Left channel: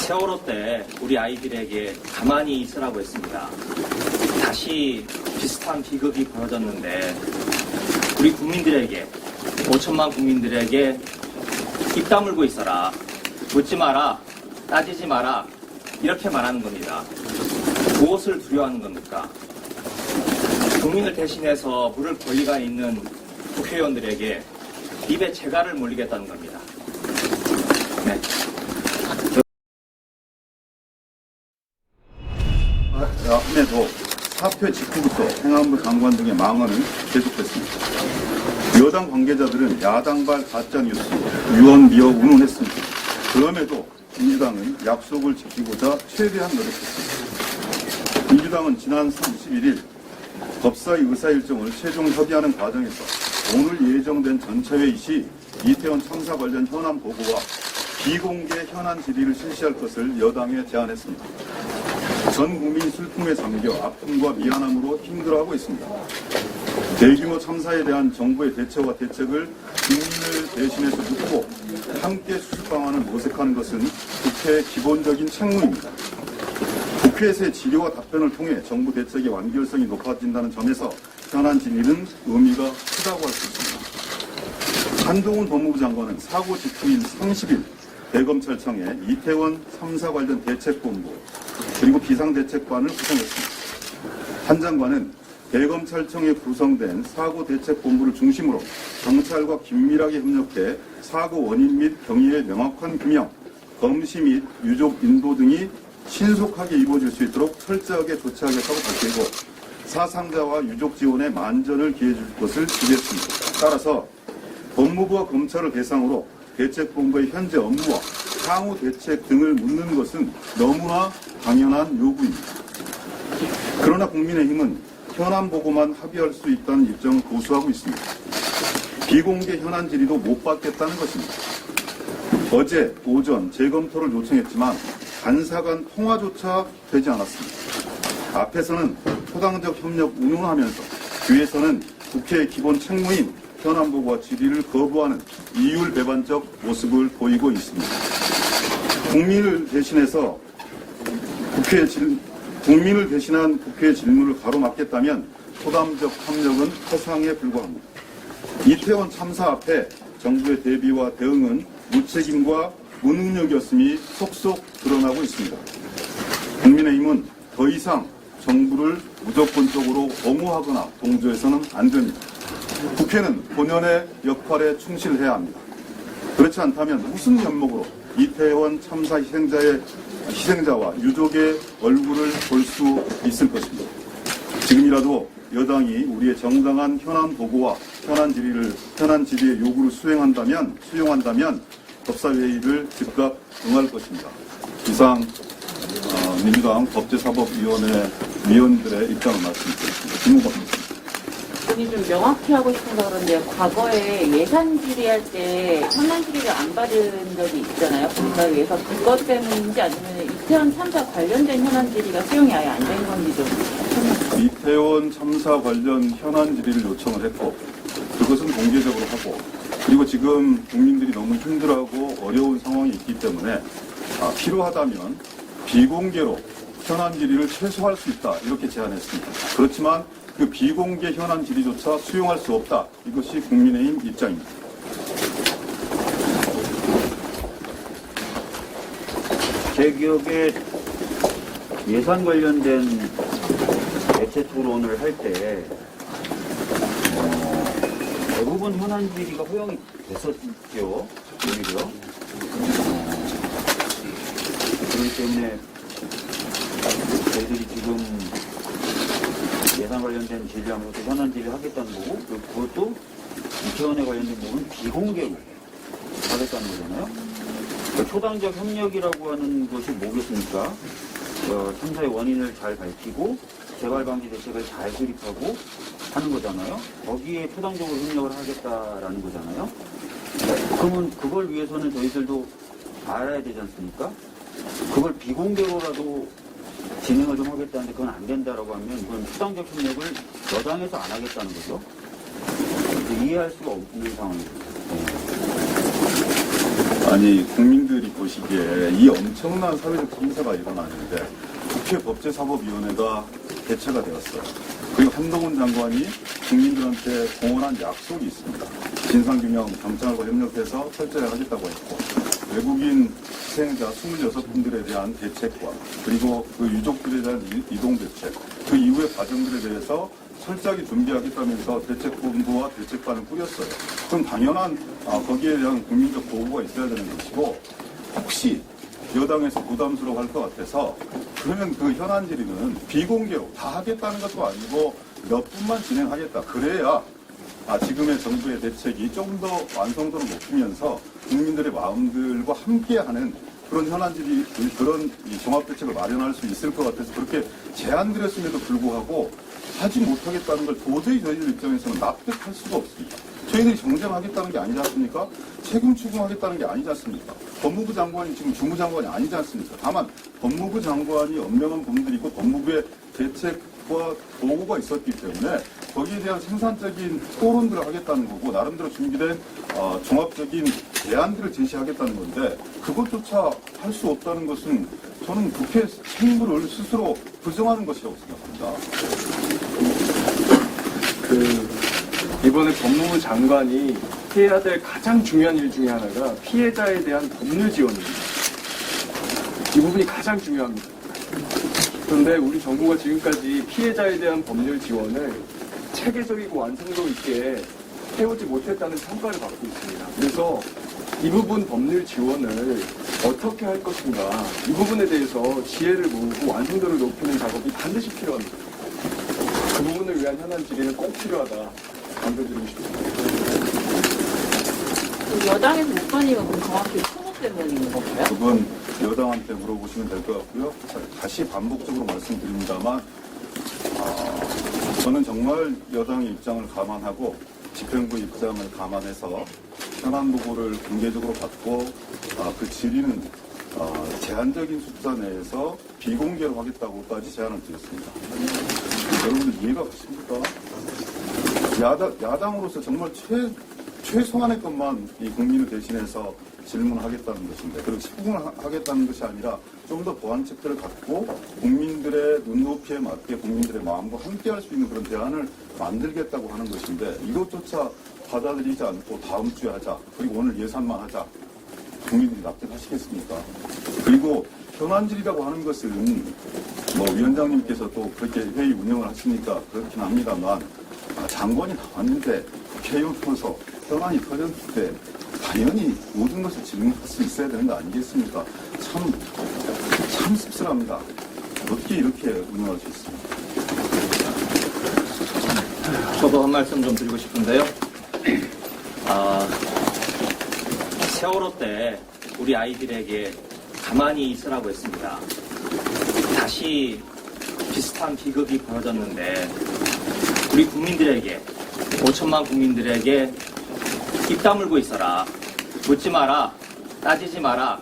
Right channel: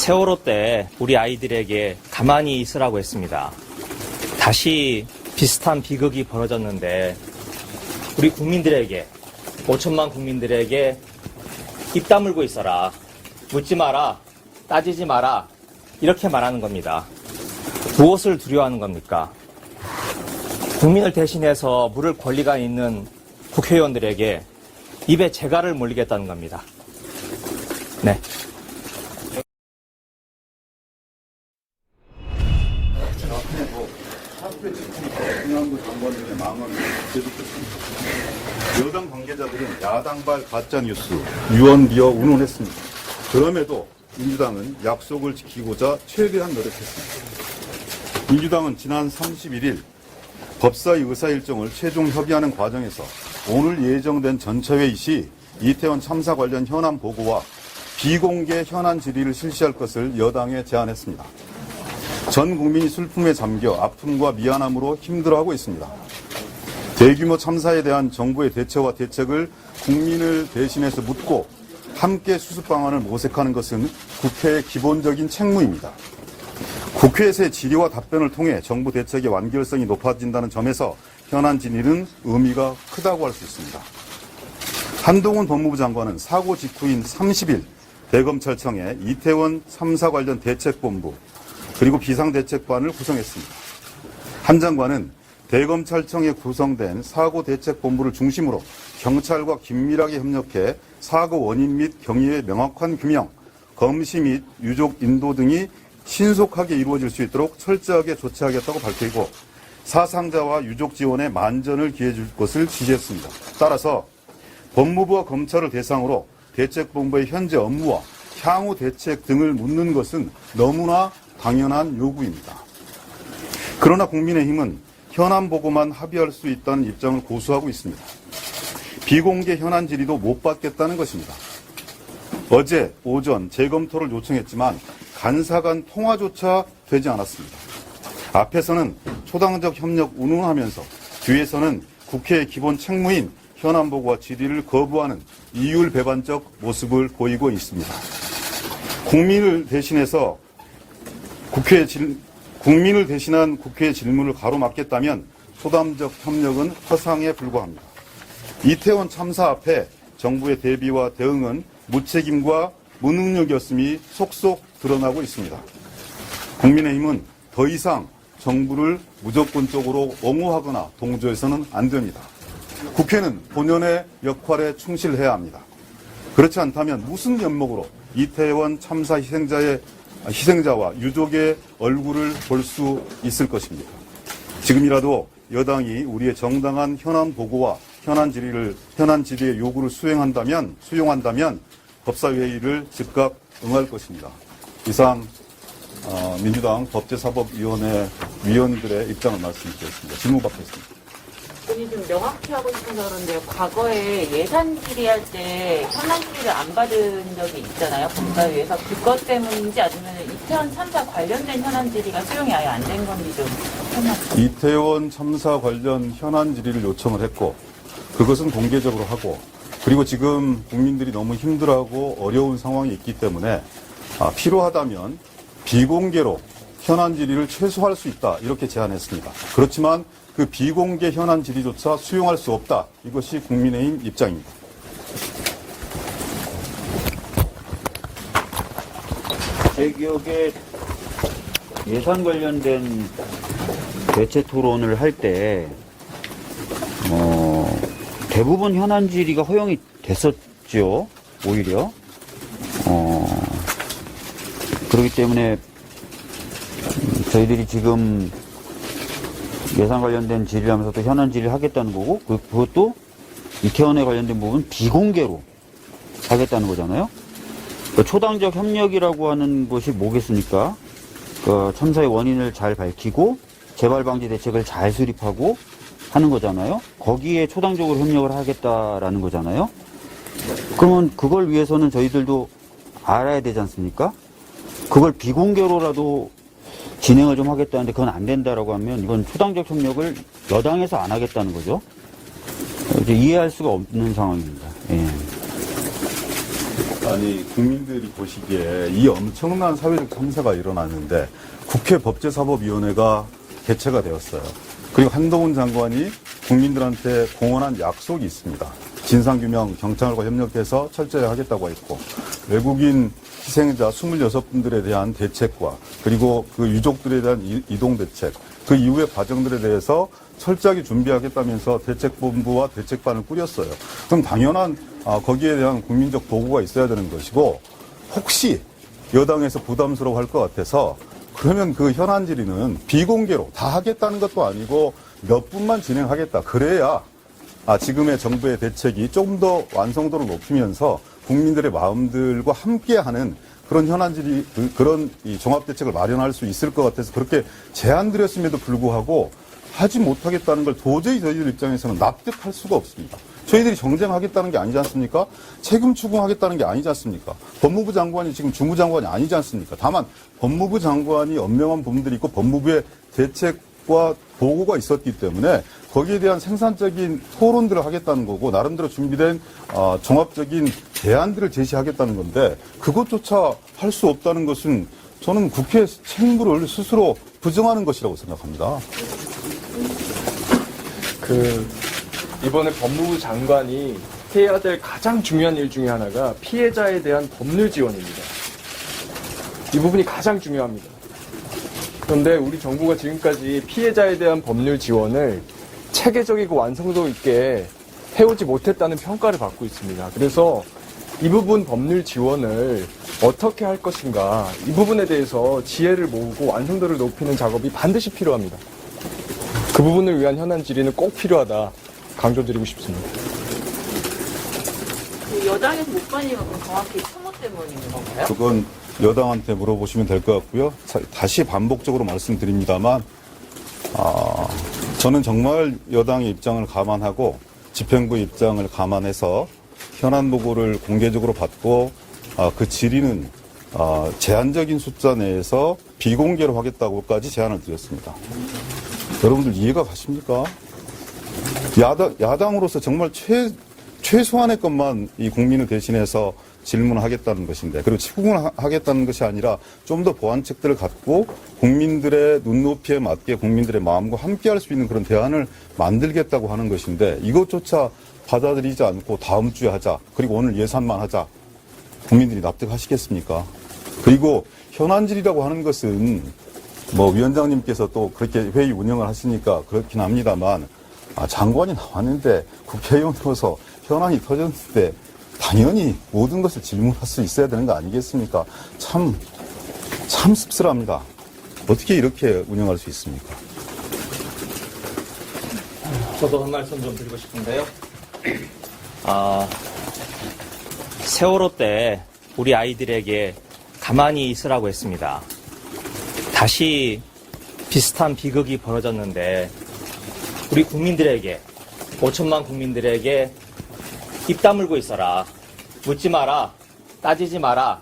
세월호 때 우리 아이들에게 가만히 있으라고 했습니다. 다시 비슷한 비극이 벌어졌는데 우리 국민들에게, 5천만 국민들에게 입 다물고 있어라, 묻지 마라, 따지지 마라, 이렇게 말하는 겁니다. 무엇을 두려워하는 겁니까? 국민을 대신해서 물을 권리가 있는 국회의원들에게 입에 재갈을 물리겠다는 겁니다. 네. 앞에도 사표 직후부터 행안부 장관 등의 망언은 계속됐습니다. 여당 관계자들은 야당발 가짜뉴스, 유언비어 운운했습니다. 그럼에도 민주당은 약속을 지키고자 최대한 노력했습니다. 민주당은 지난 31일 법사위 의사 일정을 최종 협의하는 과정에서 오늘 예정된 전체회의 시 이태원 참사 관련 현안 보고와 비공개 현안 질의를 실시할 것을 여당에 제안했습니다. 전 국민이 슬픔에 잠겨 아픔과 미안함으로 힘들어하고 있습니다. 대규모 참사에 대한 정부의 대처와 대책을 국민을 대신해서 묻고 함께 수습 방안을 모색하는 것은 국회의 기본적인 책무입니다. 국회에서의 질의와 답변을 통해 정부 대책의 완결성이 높아진다는 점에서 현안 질의는 의미가 크다고 할 수 있습니다. 한동훈 법무부 장관은 사고 직후인 30일 대검찰청에 이태원 참사 관련 대책본부 그리고 비상대책반을 구성했습니다. 한 장관은 대검찰청에 구성된 사고대책본부를 중심으로 경찰과 긴밀하게 협력해 사고 원인 및 경위의 명확한 규명, 검시 및 유족 인도 등이 신속하게 이루어질 수 있도록 철저하게 조치하겠다고 밝히고 사상자와 유족 지원에 만전을 기해줄 것을 지시했습니다. 따라서 법무부와 검찰을 대상으로 대책본부의 현재 업무와 향후 대책 등을 묻는 것은 너무나 당연한 요구입니다. 그러나 국민의힘은 현안 보고만 합의할 수 있다는 입장을 고수하고 있습니다. 비공개 현안 질의도 못 받겠다는 것입니다. 어제 오전 재검토를 요청했지만 간사 간 통화조차 되지 않았습니다. 앞에서는 초당적 협력 운운하면서 뒤에서는 국회의 기본 책무인 현안 보고와 질의를 거부하는 이율배반적 모습을 보이고 있습니다. 국민을 대신한 국회의 질문을 가로막겠다면 초당적 협력은 허상에 불과합니다. 이태원 참사 앞에 정부의 대비와 대응은 무책임과 무능력이었음이 속속 드러나고 있습니다. 국민의힘은 더 이상 정부를 무조건적으로 옹호하거나 동조해서는 안 됩니다. 국회는 본연의 역할에 충실해야 합니다. 그렇지 않다면 무슨 면목으로 이태원 참사 희생자와 유족의 얼굴을 볼 수 있을 것입니다. 지금이라도 여당이 우리의 정당한 현안 보고와 현안 질의의 요구를 수용한다면 법사위회의를 즉각 응할 것입니다. 이상 민주당 법제사법위원회 위원들의 입장을 말씀드리겠습니다. 질문 받겠습니다. 본인이 좀 명확히 하고 싶어서 그런데요. 과거에 예산 질의할 때 현안 질의를 안 받은 적이 있잖아요. 법사위에서. 그것 때문인지 아니면 이태원 참사 관련된 현안 질의가 수용이 아예 안 된 건지 좀 설명해. 이태원 참사 관련 현안 질의를 요청을 했고 그것은 공개적으로 하고 그리고 지금 국민들이 너무 힘들어하고 어려운 상황이 있기 때문에 필요하다면 비공개로 현안 질의를 최소화할 수 있다 이렇게 제안했습니다. 그렇지만 그 비공개 현안 질의조차 수용할 수 없다. 이것이 국민의힘 입장입니다. 제 기억에 예산 관련된 대체 토론을 할 때 대부분 현안 질의가 허용이 됐었죠. 오히려 그렇기 때문에 저희들이 지금 예산 관련된 질의를 하면서 또 현안 질의를 하겠다는 거고 그것도 이태원에 관련된 부분은 비공개로 하겠다는 거잖아요. 그러니까 초당적 협력이라고 하는 것이 뭐겠습니까? 참사의 원인을 잘 밝히고 재발 방지 대책을 잘 수립하고 하는 거잖아요. 거기에 초당적으로 협력을 하겠다라는 거잖아요. 그러면 그걸 위해서는 저희들도 알아야 되지 않습니까? 그걸 비공개로라도 진행을 좀 하겠다는데 그건 안 된다라고 하면 이건 초당적 협력을 여당에서 안 하겠다는 거죠. 이제 이해할 수가 없는 상황입니다. 예. 아니, 국민들이 보시기에 이 엄청난 사회적 참사가 일어났는데 국회 법제사법위원회가 개최가 되었어요. 그리고 한동훈 장관이 국민들한테 공언한 약속이 있습니다. 진상규명 경찰과 협력해서 철저히 하겠다고 했고, 외국인 희생자 26분들에 대한 대책과 그리고 그 유족들에 대한 이동 대책, 그 이후의 과정들에 대해서 철저하게 준비하겠다면서 대책본부와 대책반을 꾸렸어요. 그럼 당연한 거기에 대한 국민적 보고가 있어야 되는 것이고, 혹시 여당에서 부담스러워할 것 같아서 그러면 그 현안 질의는 비공개로 다 하겠다는 것도 아니고 몇 분만 진행하겠다. 그래야 지금의 정부의 대책이 좀 더 완성도를 높이면서 국민들의 마음들과 함께하는 그런 현안 질의, 그런 이 종합대책을 마련할 수 있을 것 같아서 그렇게 제안드렸음에도 불구하고 하지 못하겠다는 걸 도저히 저희들 입장에서는 납득할 수가 없습니다. 저희들이 정쟁하겠다는 게 아니지 않습니까? 책임 추궁하겠다는 게 아니지 않습니까? 법무부 장관이 지금 주무장관이 아니지 않습니까? 다만 법무부 장관이 엄명한 부분들이 있고 법무부의 대책과 보고가 있었기 때문에 거기에 대한 생산적인 토론들을 하겠다는 거고, 나름대로 준비된 종합적인 대안들을 제시하겠다는 건데, 그것조차 할 수 없다는 것은 저는 국회 책임을 스스로 부정하는 것이라고 생각합니다. 이번에 법무부 장관이 해야 될 가장 중요한 일 중에 하나가 피해자에 대한 법률 지원입니다. 이 부분이 가장 중요합니다. 그런데 우리 정부가 지금까지 피해자에 대한 법률 지원을 체계적이고 완성도 있게 해오지 못했다는 평가를 받고 있습니다. 그래서 이 부분 법률 지원을 어떻게 할 것인가, 이 부분에 대해서 지혜를 모으고 완성도를 높이는 작업이 반드시 필요합니다. 그 부분을 위한 현안 질의는 꼭 필요하다 강조드리고 싶습니다. 여당에서 못 받으니까 그럼 정확히 천억 때문에 있는 건가요? 그건 여당한테 물어보시면 될 것 같고요. 다시 반복적으로 말씀드립니다만, 저는 정말 여당의 입장을 감안하고 집행부의 입장을 감안해서 현안 보고를 공개적으로 받고 그 질의는 제한적인 숫자 내에서 비공개로 하겠다고까지 제안을 드렸습니다. 여러분들 이해가 가십니까? 야당으로서 정말 최소한의 것만 이 국민을 대신해서 질문하겠다는 것인데, 그리고 추궁하겠다는 것이 아니라 좀 더 보완책들을 갖고 국민들의 눈높이에 맞게 국민들의 마음과 함께할 수 있는 그런 대안을 만들겠다고 하는 것인데, 이것조차 받아들이지 않고 다음 주에 하자, 그리고 오늘 예산만 하자, 국민들이 납득하시겠습니까? 그리고 현안질이라고 하는 것은 위원장님께서 또 그렇게 회의 운영을 하시니까 그렇긴 합니다만, 장관이 나왔는데 국회의원으로서 현안이 터졌는데 당연히 모든 것을 질문할 수 있어야 되는 거 아니겠습니까? 참 씁쓸합니다. 어떻게 이렇게 운영할 수 있습니까? 저도 한 말씀 좀 드리고 싶은데요. 세월호 때 우리 아이들에게 가만히 있으라고 했습니다. 다시 비슷한 비극이 벌어졌는데 우리 국민들에게, 5천만 국민들에게 입 다물고 있어라, 묻지 마라, 따지지 마라,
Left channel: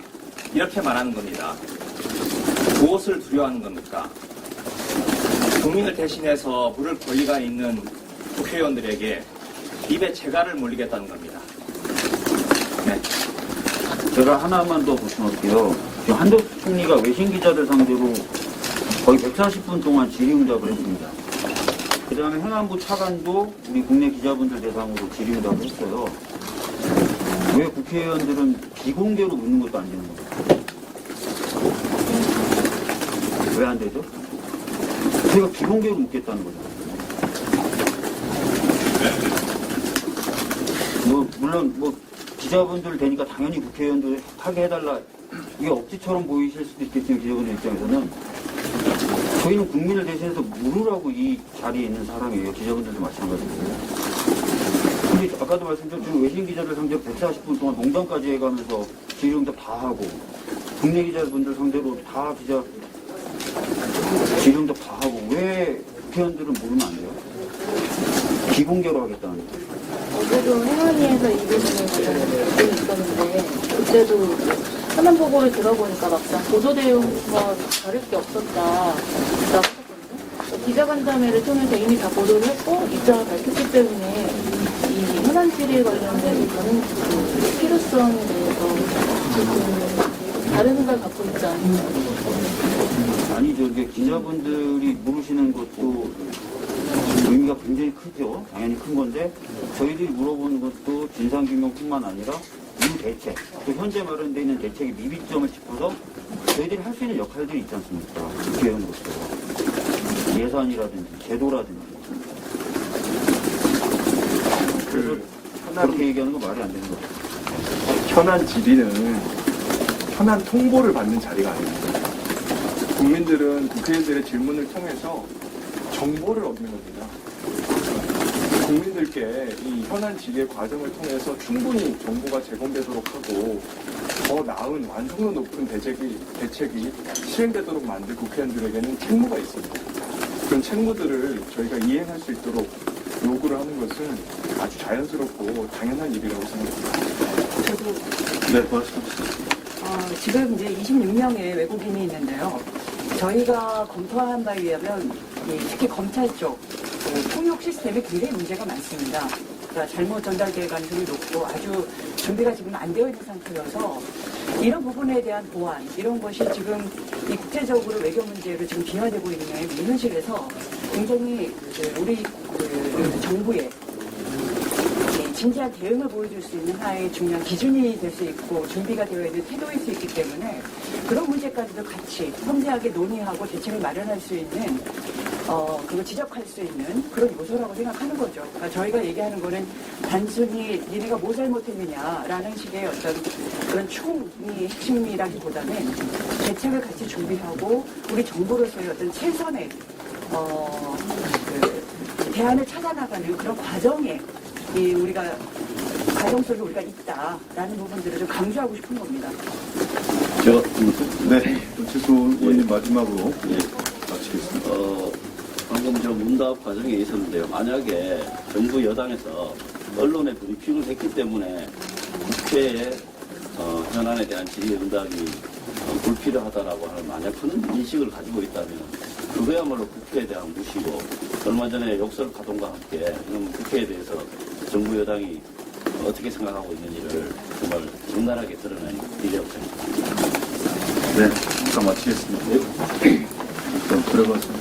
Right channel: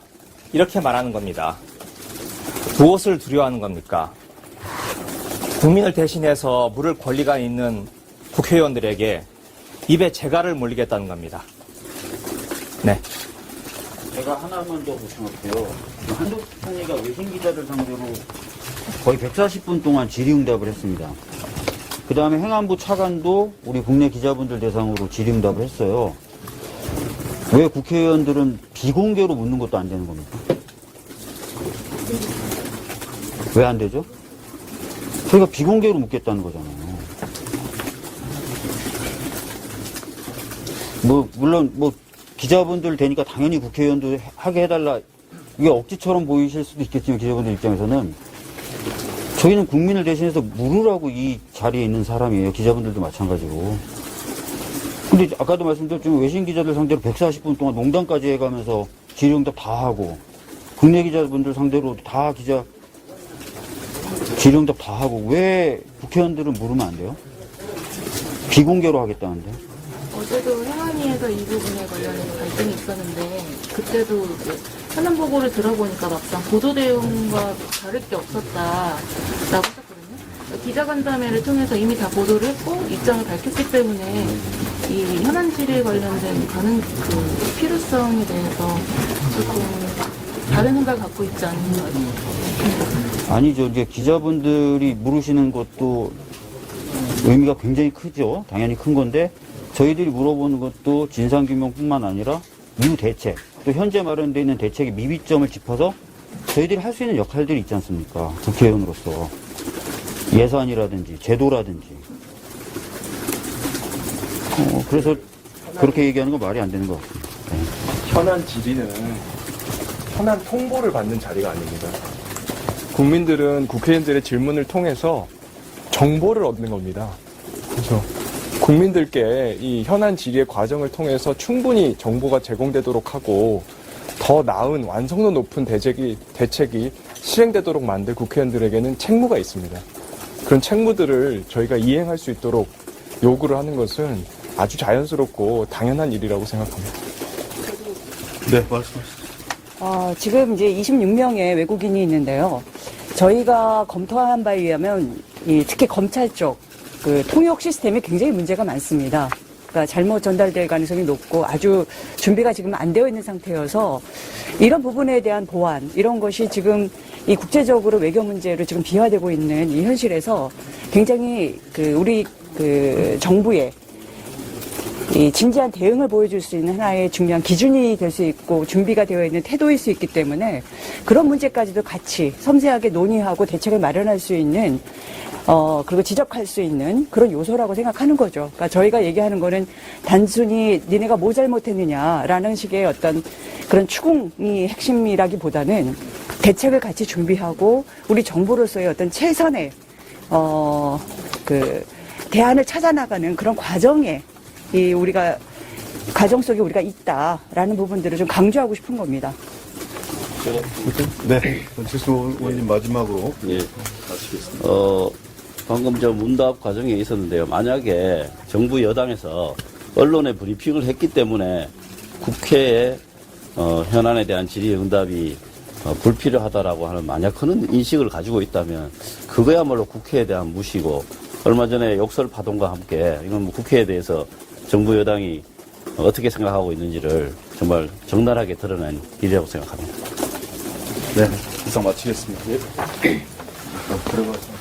이렇게 말하는 겁니다. 무엇을 두려워하는 겁니까? 국민을 대신해서 물을 권리가 있는 국회의원들에게 입에 재갈을 물리겠다는 겁니다. 네. 제가 하나만 더 보충할게요. 한덕수 총리가 외신 기자들 상대로 거의 140분 동안 질의응답을 했습니다. 그 다음에 행안부 차관도 우리 국내 기자분들 대상으로 질의응답을 했어요. 왜 국회의원들은 비공개로 묻는 것도 안 되는 겁니까? 왜 안 되죠? 저희가 비공개로 묻겠다는 거잖아요. 물론 기자분들 되니까 당연히 국회의원들 하게 해달라, 이게 억지처럼 보이실 수도 있겠지만, 기자분들 입장에서는 저희는 국민을 대신해서 물으라고 이 자리에 있는 사람이에요. 기자분들도 마찬가지고. 근데 아까도 말씀드렸지만 외신 기자들 상대로 140분 동안 농담까지 해가면서 질의응답 다 하고, 국내 기자분들 상대로 다 질의응답 다 하고, 왜 국회의원들은 물으면 안 돼요? 비공개로 하겠다는데. 어제도 행안위에서 이 부분에 관련된 의견이 있었는데, 그때도 현안 보고를 들어보니까 막상 보도 내용과 다를 게 없었다라고 했거든요. 기자간담회를 통해서 이미 다 보도를 했고 입장을 밝혔기 때문에 이 이 현안 질의에 관련된 다른 그 필요성에 대해서 다른 생각을 갖고 있지 않나요? 아니죠. 이렇게 기자분들이 물으시는 것도 의미가 굉장히 크죠. 당연히 큰 건데 저희들이 물어보는 것도 진상규명뿐만 아니라 이후 대책, 또 현재 마련되어 있는 대책의 미비점을 짚어서 저희들이 할 수 있는 역할들이 있지 않습니까? 국회의원으로서. 예산이라든지 제도라든지. 그래서 그렇게 얘기하는 거 말이 안 되는 것 같아요. 현안 질의는 현안 통보를 받는 자리가 아닙니다. 국민들은 국회의원들의 질문을 통해서 정보를 얻는 겁니다. 그래서 국민들께 이 현안 질의의 과정을 통해서 충분히 정보가 제공되도록 하고 더 나은 완성도 높은 대책이 실행되도록 만들 국회의원들에게는 책무가 있습니다. 그런 책무들을 저희가 이행할 수 있도록 요구를 하는 것은 아주 자연스럽고 당연한 일이라고 생각합니다. 네, 말씀하시죠. 지금 이제 26명의 외국인이 있는데요. 저희가 검토한 바에 의하면 특히 검찰 쪽 그 통역 시스템에 굉장히 문제가 많습니다. 그러니까 잘못 전달될 가능성이 높고 아주 준비가 지금 안 되어 있는 상태여서 이런 부분에 대한 보완 이런 것이 지금 이 국제적으로 외교 문제로 지금 비화되고 있는 이 현실에서 굉장히 우리 정부의 이 진지한 대응을 보여줄 수 있는 하나의 중요한 기준이 될 수 있고 준비가 되어 있는 태도일 수 있기 때문에 그런 문제까지도 같이 섬세하게 논의하고 대책을 마련할 수 있는 그리고 지적할 수 있는 그런 요소라고 생각하는 거죠. 그러니까 저희가 얘기하는 거는 단순히 니네가 뭐 잘못했느냐라는 식의 어떤 그런 추궁이 핵심이라기보다는 대책을 같이 준비하고 우리 정부로서의 어떤 최선의 대안을 찾아나가는 그런 과정에 우리가 과정 속에 우리가 있다라는 부분들을 좀 강조하고 싶은 겁니다. 제가 네, 최수 의원님 마지막으로 마치겠습니다. 방금 저 문답 과정에 있었는데요. 만약에 정부 여당에서 언론에 브리핑을 했기 때문에 국회에 현안에 대한 질의 응답이 불필요하다라고 하는 만약 그런 인식을 가지고 있다면 그거야말로 국회에 대한 무시고 얼마 전에 욕설 파동과 함께 이건 뭐 국회에 대해서 정부 여당이 어떻게 생각하고 있는지를 정말 적나라하게 드러낸 일이라고 생각합니다. 네, 일단 마치겠습니다. 그럼 들어가서.